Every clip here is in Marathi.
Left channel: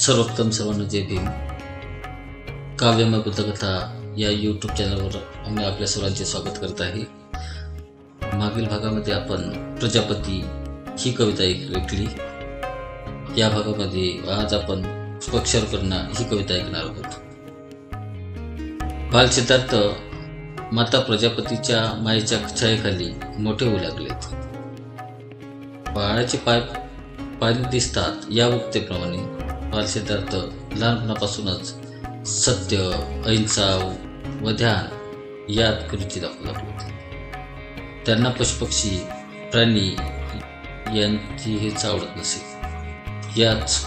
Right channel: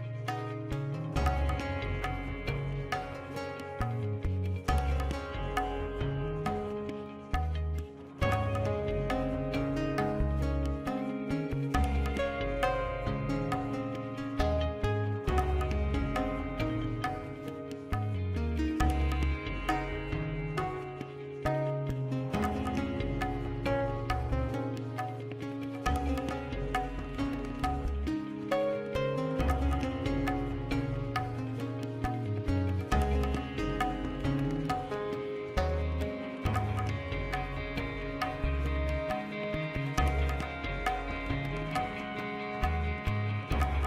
सर्वोत्तम सर्वांना जय भीम. काव्यमय बुद्धकथा या यूट्यूब चॅनलवर आम्ही आपल्या सर्वांचे स्वागत करत आहे. मागील भागामध्ये आपण प्रजापती ही कविता ऐकली. या भागामध्ये आज आपण पक्षार्पणा ही कविता ऐकणार आहोत. बाल सिद्धार्थ माता प्रजापतीच्या मायेच्या छायेखाली मोठे होऊ लागलेत. बाळाचे पाय पाणी दिसतात या उक्तीप्रमाणे बाल सिद्धार्थ लहानपणापासूनच सत्य, अहिंसा व ध्यान यात रुची दाखवू लागले. त्यांना पशुपक्षी प्राणी यांची हेच आवडत नसे. याच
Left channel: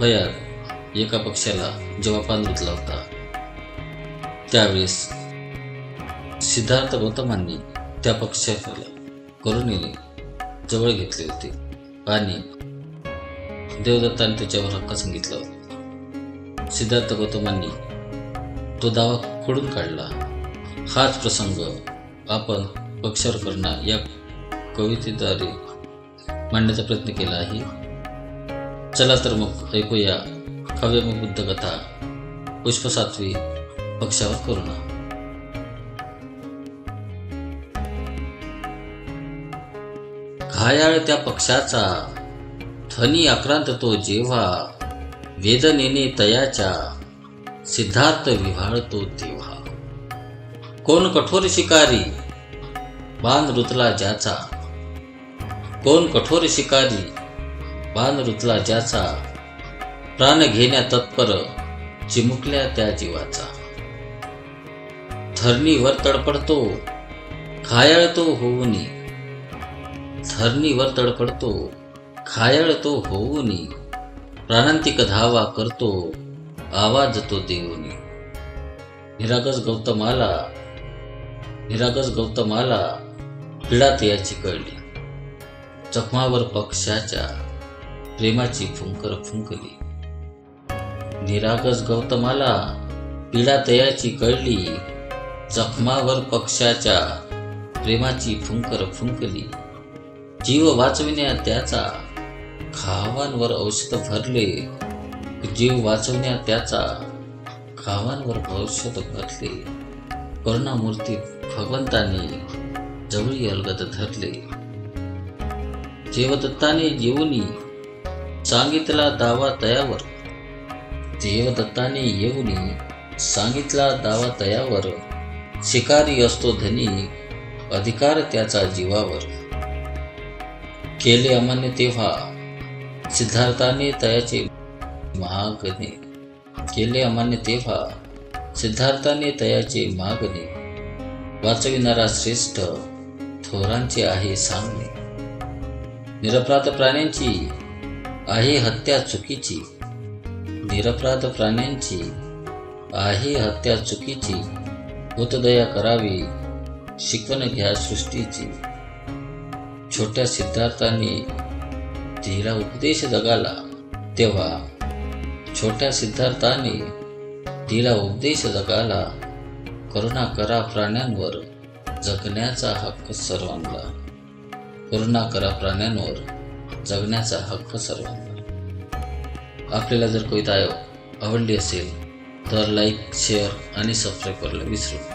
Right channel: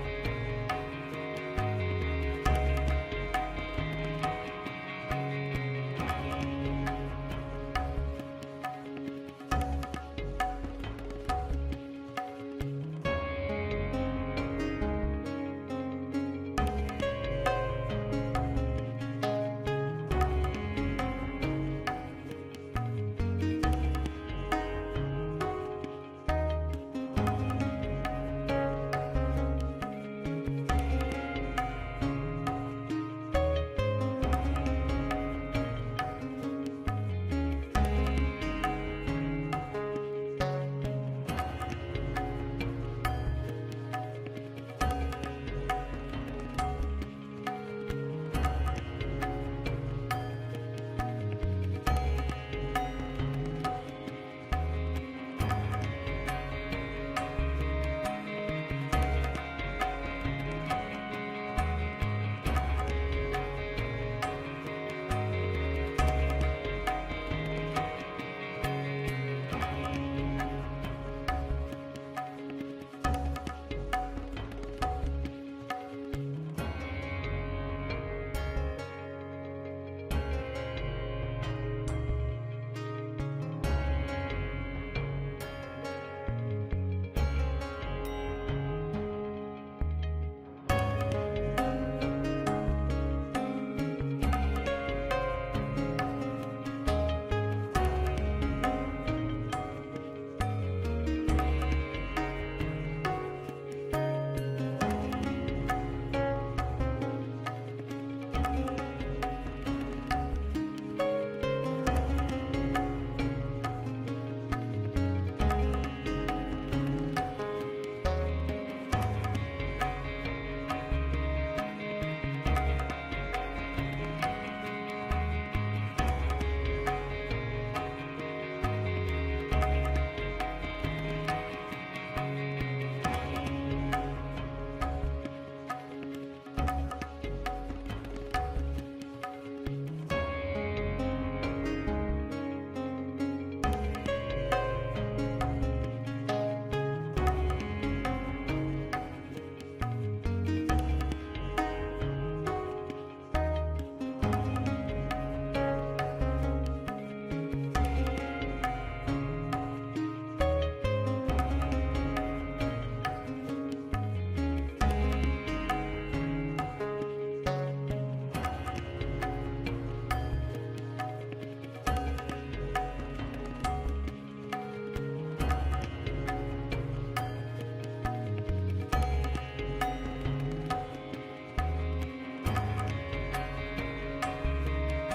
वयात एका पक्षाला जेव्हा पान धुतला होता त्यावेळेस सिद्धार्थ गौतमांनी त्या पक्षाला करुणेने जवळ घेतले होते आणि देवदत्ताने त्याच्यावर हक्क सांगितला होता. सिद्धार्थ गौतमांनी तो दावा खोडून काढला. हाच प्रसंग आपण पक्षार्पणा या कवितेद्वारे मांडण्याचा प्रयत्न केला आहे. चला तर मग ऐकूया काव्यमय बुद्धकथा पुष्प 7 पक्षावर करुणा. घायाळ त्या पक्षाचा ध्वनी आक्रांत तो जेव्हा वेदनेने तयाच्या सिद्धार्थ विव्हाळतो तेव्हा. कोण कठोर शिकारी बाण रुतला ज्याचा, कोण कठोर शिकारी बाण रुतला ज्याचा, प्राण घेण्या तत्पर चिमुकल्या त्या जीवाचा. धरणीवर तडपडतो घायाळ तो होऊनी, धरणीवर तडपडतो घायाळ तो होऊनी, प्राणांतिक धावा करतो आवाज तो देऊनी. निरागस गौतमाला पीडा त्याची कळली, जखमावर पक्षाच्या प्रेमाची फुंकर फुंकली. निरागस गौतमाला पीडा तयाची कळली, जखमावर पक्षाच्या प्रेमाची फुंकर फुंकली. जीव वाचविण्या त्याचा घावांवर औषध भरले, जीव वाचविण्या त्याचा घावांवर औषध भरले. करुणामूर्ती भगवंताने जवळी अलगद धरले. देवदत्ताने येऊनी सांगितला दावा तयावर, देवदत्ताने येऊनी सांगितला दावा तयावर. शिकारी असतो धनी अधिकार त्याचा जीवावर. केले अमान्य तेव्हा सिद्धार्थाने तयाचे मागणे, केले अमान्य तेव्हा सिद्धार्थाने तयाचे मागणे. वाचविणारा श्रेष्ठ थोरांचे आहे सांगणे. निरपराध प्राण्यांची आहे हत्या चुकीची, निरपराध प्राण्यांची आहे हत्या चुकीची. होतदया करावी शिकवण घ्या सृष्टीची. छोट्या सिद्धार्थाने दिला उपदेश जगाला तेव्हा, छोट्या सिद्धार्थाने दिला उपदेश जगाला. करुणा करा प्राण्यांवर जगण्याचा हक्क सर्वांना, करुणा करा प्राण्यांवर जगण्याचा हक्क सर्वांना. आपल्याला जर कविता आवडली असेल तर लाईक, शेअर आणि सबस्क्राईब करायला विसरू